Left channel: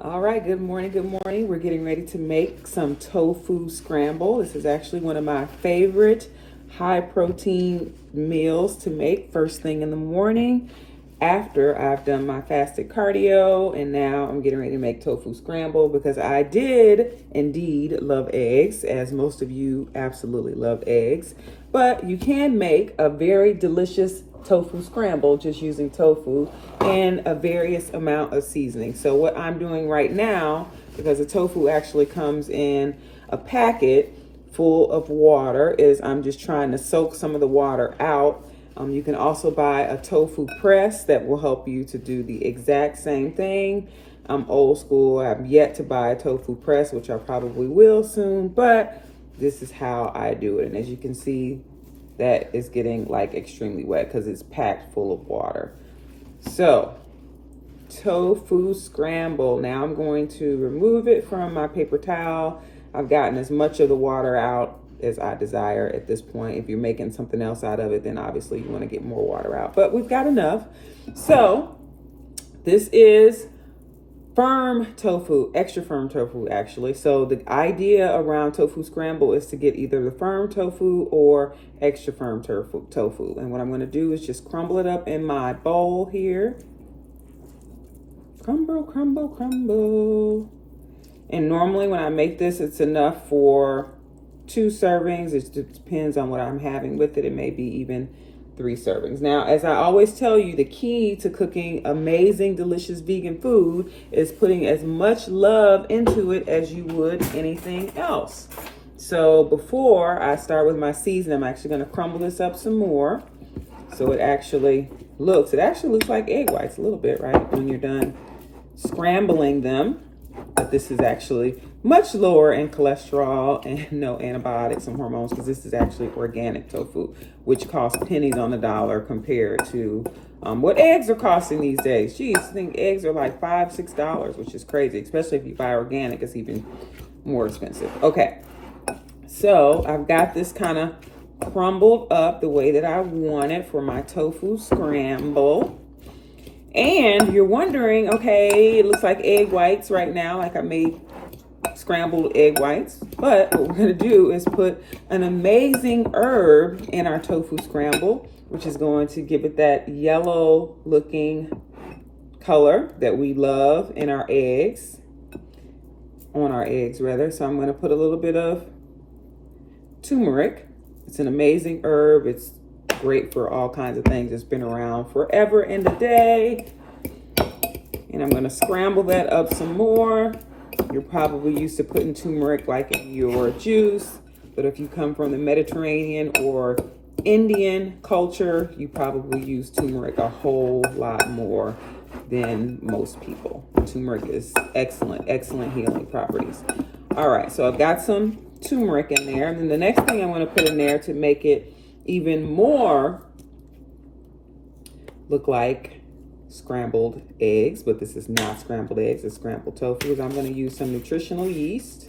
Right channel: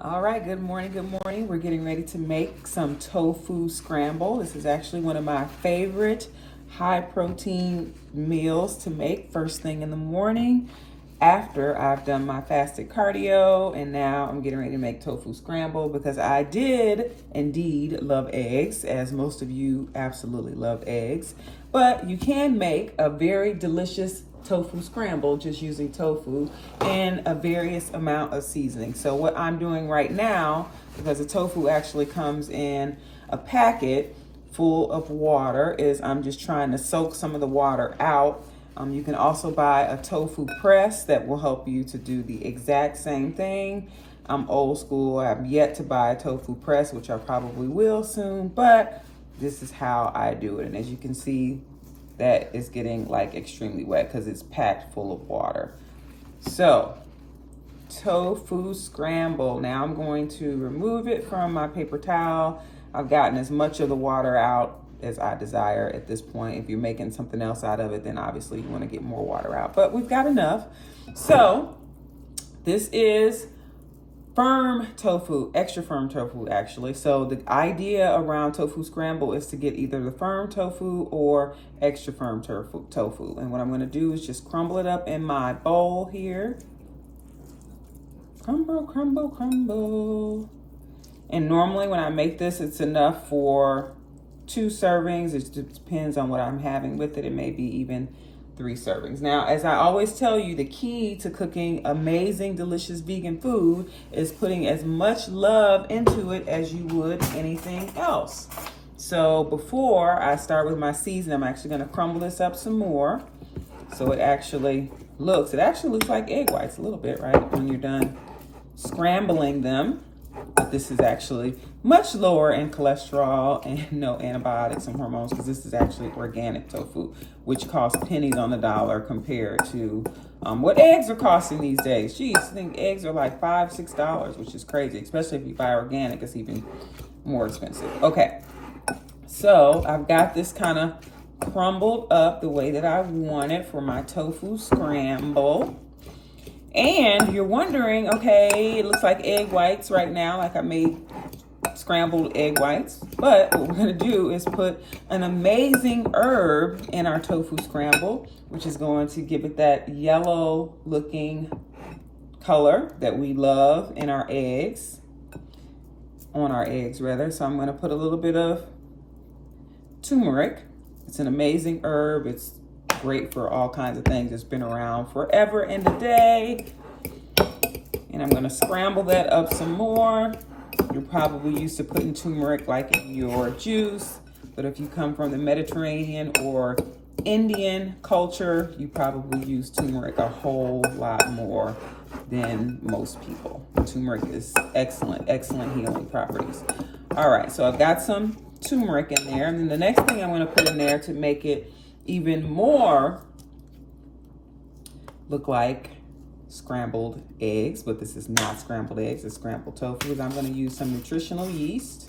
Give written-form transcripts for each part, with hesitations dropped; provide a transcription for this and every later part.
All right, good morning, good morning. We're getting ready to make some tofu scramble. This is actually one of my favorite high protein meals to make first thing in the morning after I've done my fasted cardio. And now I'm getting ready to make tofu scramble because I did indeed love eggs, as most of you absolutely love eggs. But you can make a very delicious tofu scramble just using tofu and a various amount of seasoning. So what I'm doing right now, because the tofu actually comes in a packet full of water, is I'm just trying to soak some of the water out. You can also buy a tofu press that will help you to do the exact same thing. I'm old school. I've yet to buy a tofu press, which I probably will soon, but this is how I do it. And as you can see, that is getting like extremely wet because it's packed full of water. So, tofu scramble. Now I'm going to remove it from my paper towel. I've gotten as much of the water out as I desire at this point. If you're making something else out of it, then obviously you want to get more water out, but we've got enough. So this is firm tofu, extra firm tofu actually. So the idea around tofu scramble is to get either the firm tofu or extra firm tofu. And what I'm going to do is just crumble it up in my bowl here. Crumble, crumble, crumble. And normally when I make this, it's enough for 2 servings. It depends on what I'm having with it. It may be even 3 servings. Now, as I always tell you, the key to cooking amazing, delicious vegan food is putting as much love into it as you would anything else. So before I start with my season, I'm actually going to crumble this up some more. So it actually looks like egg whites a little bit, right? When you're done scrambling them. But this is actually much lower in cholesterol and no antibiotics and hormones, because this is actually organic tofu, which costs pennies on the dollar compared to what eggs are costing these days. Geez, I think eggs are like $5, $6, which is crazy, especially if you buy organic. It's even more expensive. Okay, so I've got this kind of crumbled up the way that I want it for my tofu scramble. And you're wondering, okay, it looks like egg whites right now, like I made scrambled egg whites. But what we're gonna do is put an amazing herb in our tofu scramble, which is going to give it that yellow looking color that we love in our eggs, on our eggs rather. So I'm gonna put a little bit of turmeric. It's an amazing herb. It's great for all kinds of things. It's been around forever and a day. And I'm going to scramble that up some more. You're probably used to putting turmeric like in your juice, but if you come from the Mediterranean or Indian culture, you probably use turmeric a whole lot more than most people. Turmeric is excellent healing properties. All right, so I've got some turmeric in there. And then the next thing I'm going to put in there to make it even more look like scrambled eggs, but this is not scrambled eggs, it's scrambled tofu. I'm going to use some nutritional yeast.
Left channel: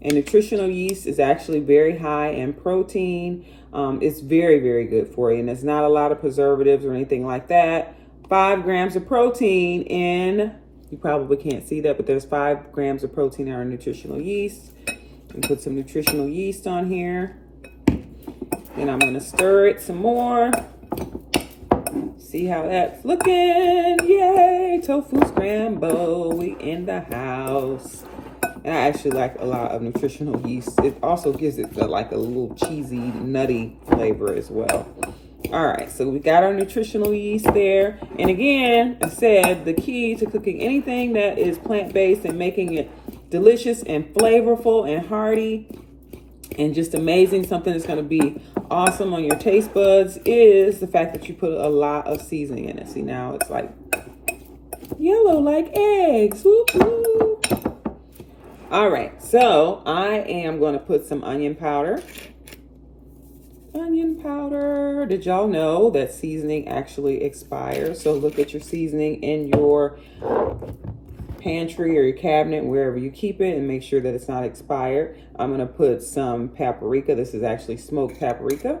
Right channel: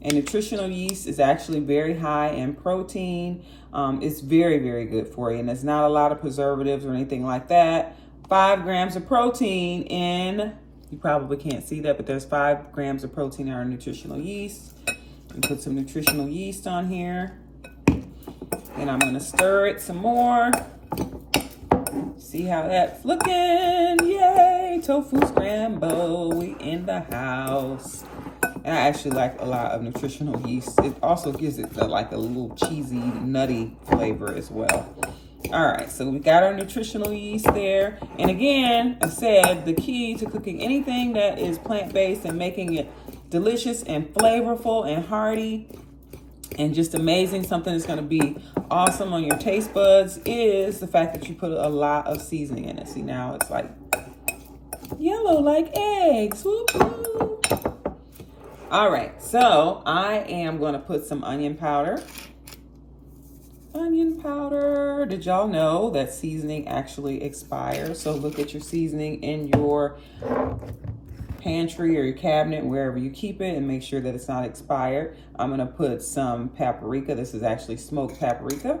And nutritional yeast is actually very high in protein. It's very good for you, and there's not a lot of preservatives or anything like that. 5 grams of protein in, you probably can't see that, but there's 5 grams of protein in our nutritional yeast. And put some nutritional yeast on here. And I'm going to stir it some more. See how that's looking? Yay! Tofu scramble. We in the house. And I actually like a lot of nutritional yeast. It also gives it like a little cheesy, nutty flavor as well. All right, so we got our nutritional yeast there. And again, I said the key to cooking anything that is plant-based and making it delicious and flavorful and hearty and just amazing, something that's going to be awesome on your taste buds, is the fact that you put a lot of seasoning in it. See, now it's like yellow like eggs. Woo-hoo. All right, so I am going to put some onion powder. Onion powder. Did y'all know that seasoning actually expires? So look at your seasoning in your pantry or your cabinet, wherever you keep it, and make sure that it's not expired. I'm going to put some paprika. This is actually smoked paprika.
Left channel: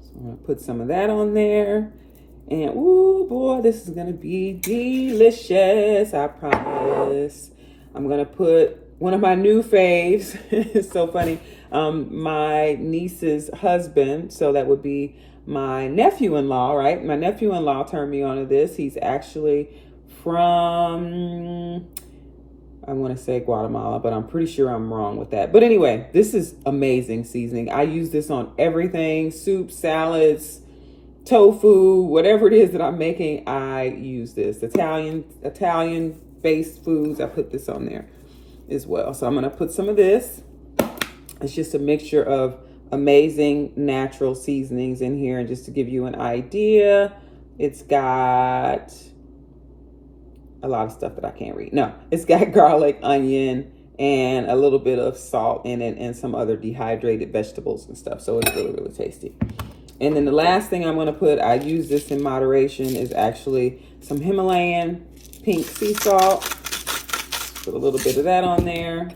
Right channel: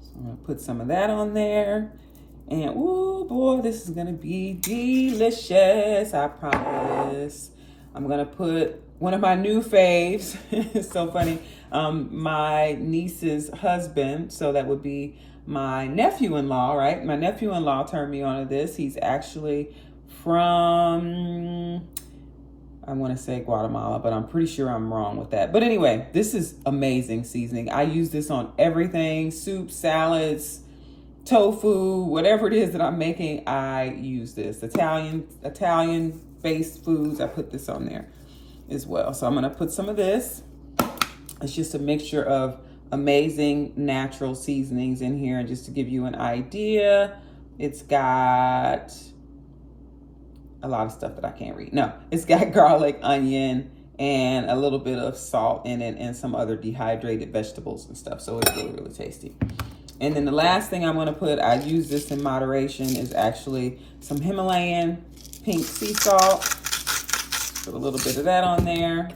So I'm going to put some of that on there. And ooh boy, this is gonna be delicious, I promise. I'm gonna put one of my new faves. It's so funny. My niece's husband, so that would be my nephew-in-law, right? My nephew-in-law turned me on to this. He's actually from, I want to say Guatemala, but I'm pretty sure I'm wrong with that. But anyway, this is amazing seasoning. I use this on everything, soup, salads, tofu, whatever it is that I'm making, I use this. Italian based foods, I put this on there as well. So I'm going to put some of this. It's just a mixture of amazing natural seasonings in here. And just to give you an idea, it's got a lot of stuff that I can't read. No, it's got garlic, onion, and a little bit of salt in it and some other dehydrated vegetables and stuff. So it's really, really tasty. And then the last thing I'm going to put, I use this in moderation, is actually some Himalayan pink sea salt. Put a little bit of that on there.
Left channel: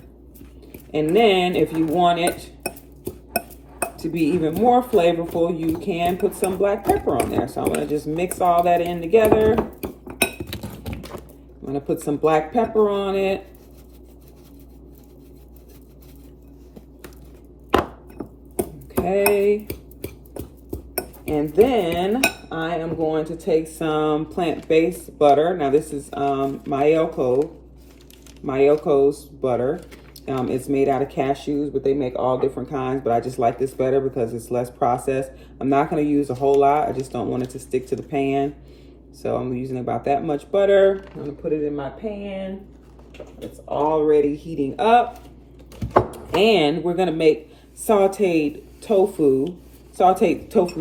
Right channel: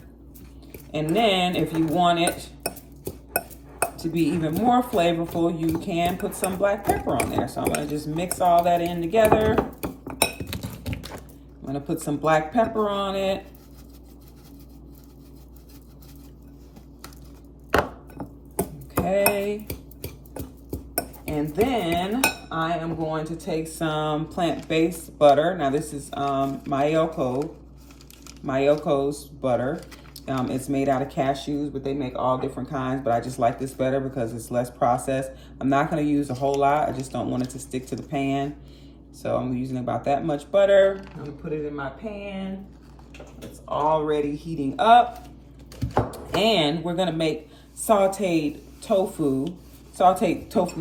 And then if you want it to be even more flavorful, you can put some black pepper on there. So I'm going to just mix all that in together. I'm going to put some black pepper on it. Okay. And then I am going to take some plant-based butter. Now this is Mayoko's butter. It's made out of cashews, but they make all different kinds. But I just like this better because it's less processed. I'm not going to use a whole lot. I just don't want it to stick to the pan. So I'm using about that much butter. I'm going to put it in my pan. It's already heating up. And we're going to make sauteed tofu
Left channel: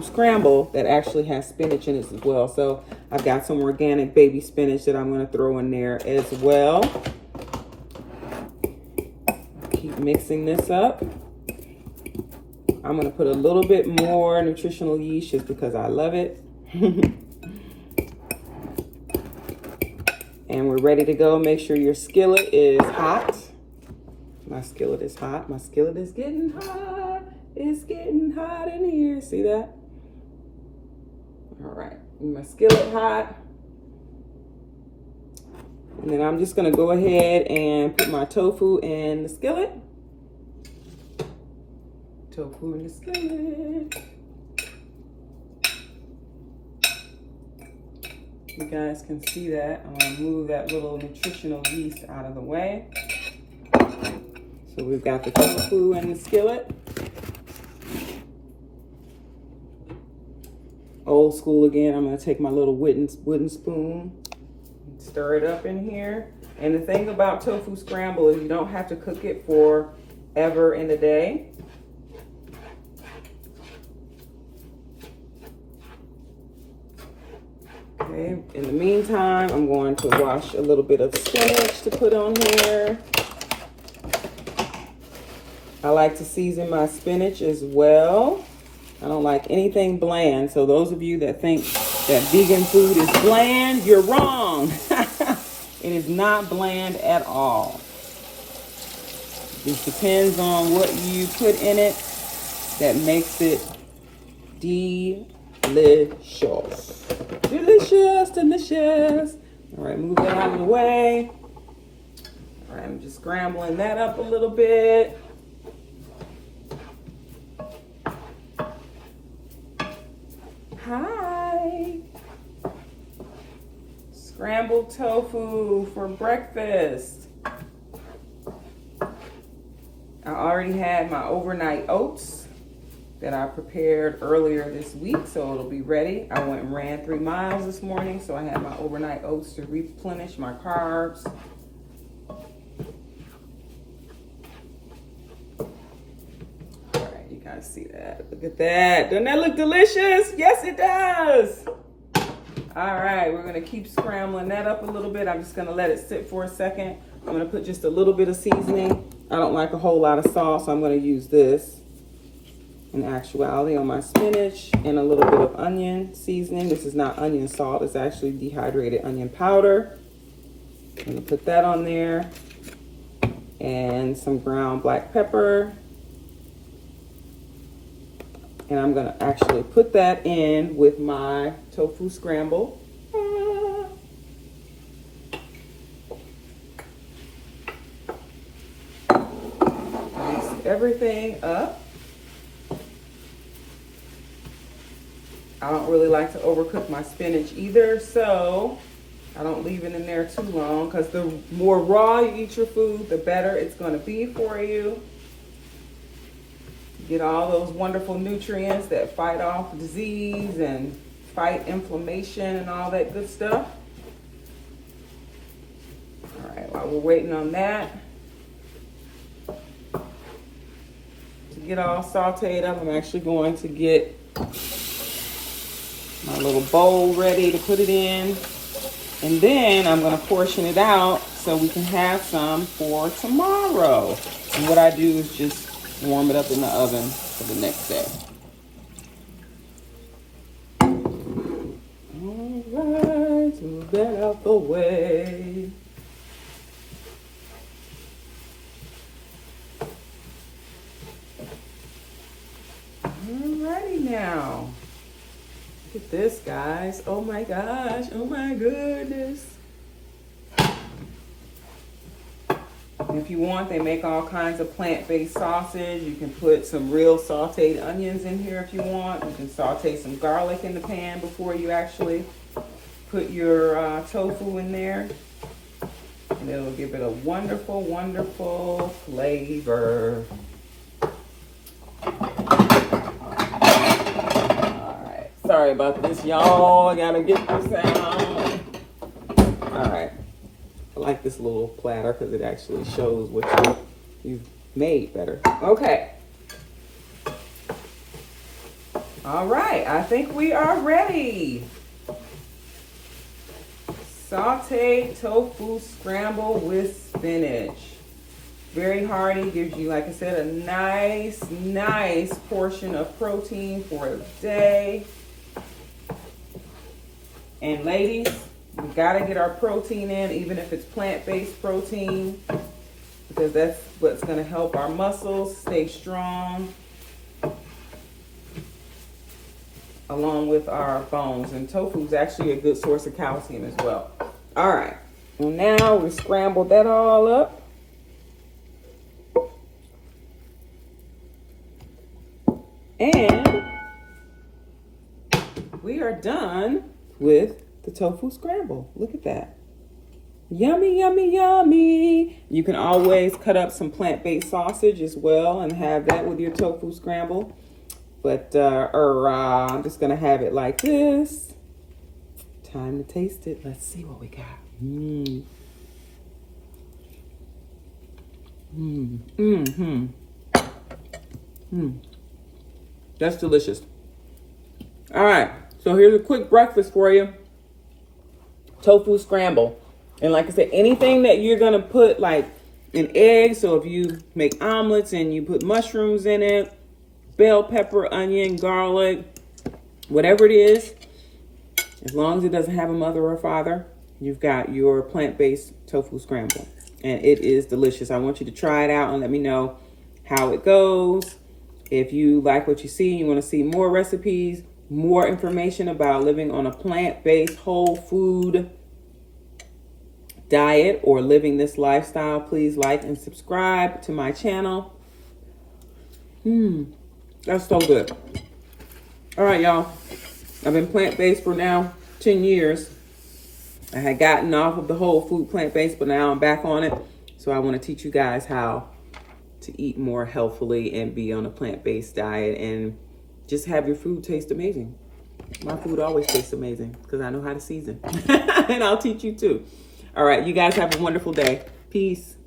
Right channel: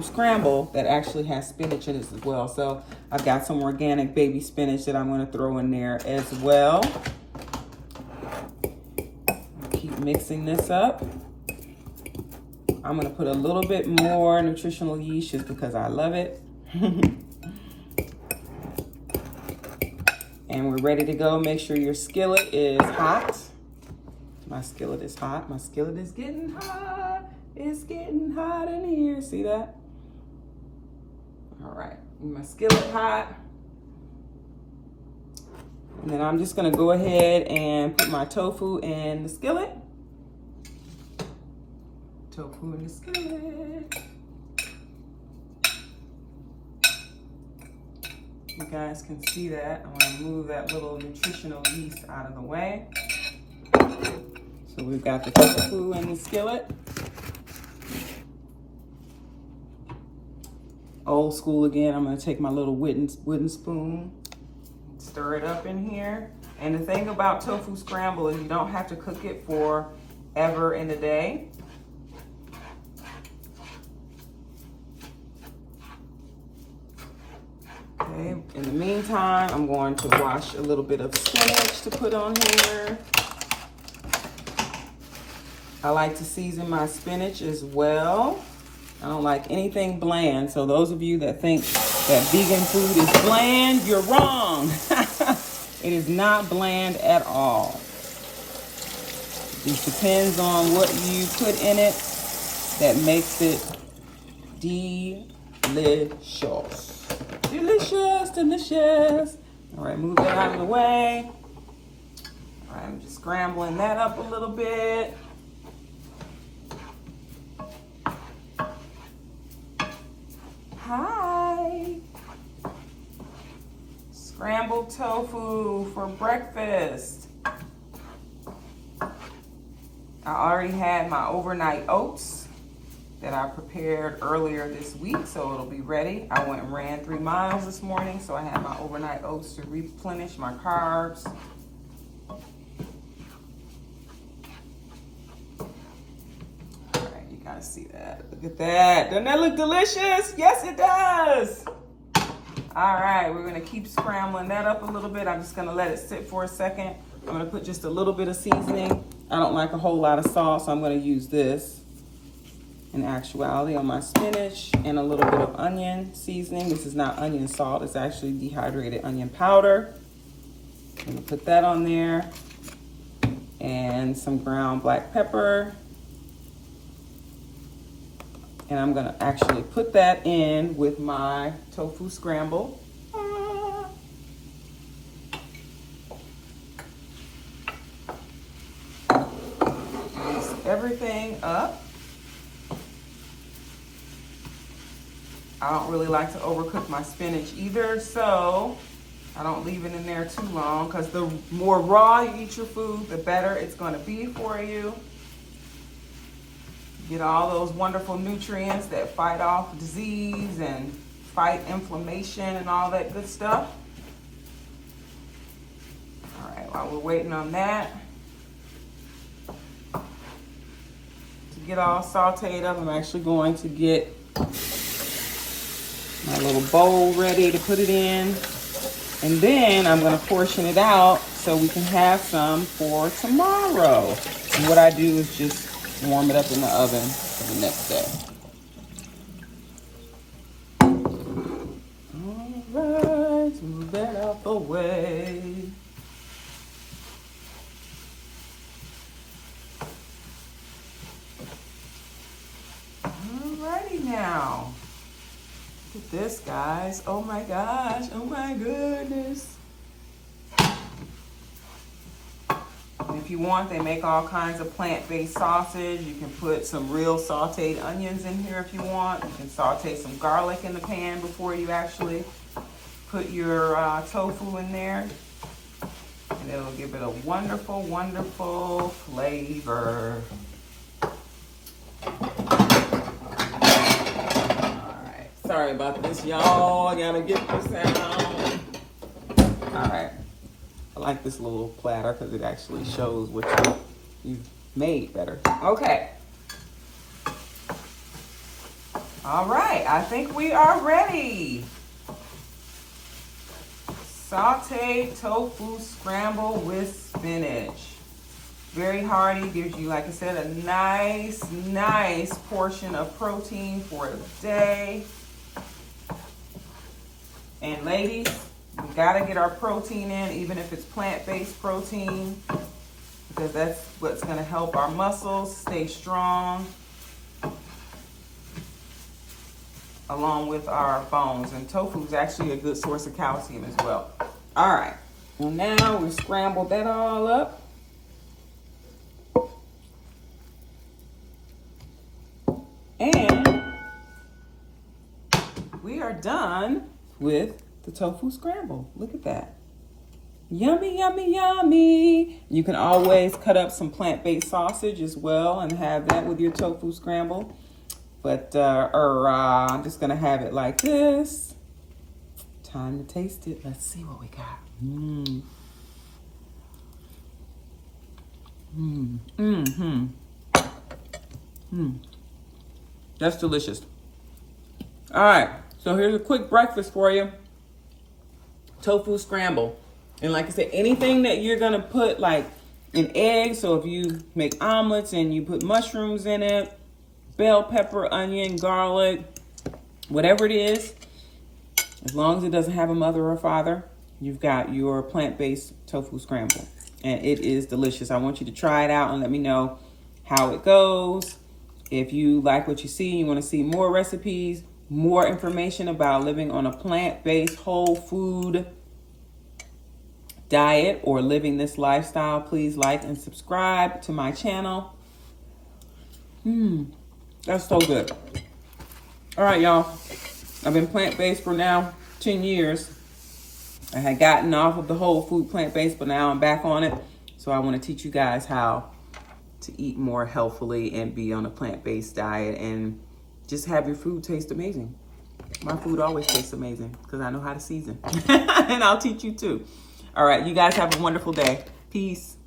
scramble that actually has spinach in it as well. So I've got some organic baby spinach that I'm going to throw in there as well. Keep mixing this up. I'm going to put a little bit more nutritional yeast just because I love it. And we're ready to go. Make sure your skillet is hot. My skillet is hot. My skillet is getting hot. It's getting hot in here. See that? All right. My skillet hot. And then I'm just going to go ahead and put my tofu in the skillet. Tofu in the skillet. You guys can see that. I want to move that little nutritional yeast out of the way. So we've got the tofu in the skillet. Old school again. I'm going to take my little wooden spoon, stir it up in here. And the thing about tofu scramble is you don't have to cook it forever in a day. Okay, in the meantime, I'm going to wash a little bit of spinach to put on here. I like to season my spinach as well. I don't like anything bland. So those of you that think that vegan food is bland, you're wrong. It is not bland at all. It depends on what you put in it that makes it delicious. Delicious, delicious. All right, move that out of the way. All right, I'm just scrambling that up a little bit. Hi. Scrambled tofu for breakfast. I already had my overnight oats that I prepared earlier this week, so it'll be ready. I went and ran 3 miles this morning, so I had my overnight oats to replenish my carbs. All right, you guys see that? Look at that. Doesn't that look delicious? Yes, it does. All right, we're gonna keep scrambling that up a little bit. I'm just gonna let it sit for a second. I'm gonna put just a little bit of seasoning. I don't like a whole lot of salt, so I'm gonna use this in actuality on my spinach and a little bit of onion seasoning. This is not onion salt, it's actually dehydrated onion powder. I'm gonna put that on there and some ground black pepper And I'm gonna actually put that in with my tofu scramble. Mix everything up. I don't really like to overcook my spinach either, so I don't leave it in there too long, because the more raw you eat your food, the better it's going to be for you. Get all those wonderful nutrients that fight off disease and fight inflammation and all that good stuff. All right, while we're waiting on that to get all sauteed up, I'm actually going to get my little bowl ready to put it in. And then I'm going to portion it out so we can have some for tomorrow. And what I do is just warm it up in the oven for the next day. All right, move that out the way. Alrighty now. Look at this, guys. Oh my gosh. Oh my goodness. If you want, they make all kinds of plant-based sausage. You can put some real sauteed onions in here if you want. You can saute some garlic in the pan before you actually put your tofu in there. And it'll give it a wonderful, wonderful flavor. Sorry about this, y'all. I gotta get this out. All right. I like this little platter because it actually shows what you've made better. Okay. All right. I think we are ready. Sauteed tofu scramble with spinach. Very hearty. Gives you, like I said, a nice portion of protein for the day. And ladies, we gotta get our protein in, even if it's plant-based protein, because that's what's gonna help our muscles stay strong, along with our bones. And tofu is actually a good source of calcium as well. All right, well now we'll scramble that all up. And we are done with the tofu scramble. Look at that. Yummy, yummy, yummy. You can always cut up some plant-based sausage as well and have that with your tofu scramble. But I'm just gonna have it like this. Time to taste it. Let's see what we got. That's delicious. All right. So here's a quick breakfast for you. Tofu scramble. And like I said, anything that you're going to put like an egg. So if you make omelets and you put mushrooms in it, bell pepper, onion, garlic, whatever it is, as long as it doesn't have a mother or father, you've got your plant-based tofu scramble. And it is delicious. I want you to try it out and let me know how it goes. If you like what you see, you want to see more recipes, more information about living on a plant-based whole food diet or living this lifestyle, please like and subscribe to my channel. That's so good. All right, y'all. I've been plant-based for now 10 years. I had gotten off of the whole food plant-based, but now I'm back on it. So I want to teach you guys how to eat more healthfully and be on a plant-based diet and just have your food taste amazing. My food always tastes amazing because I know how to season. And I'll teach you too. All right, you guys have a wonderful day. Peace.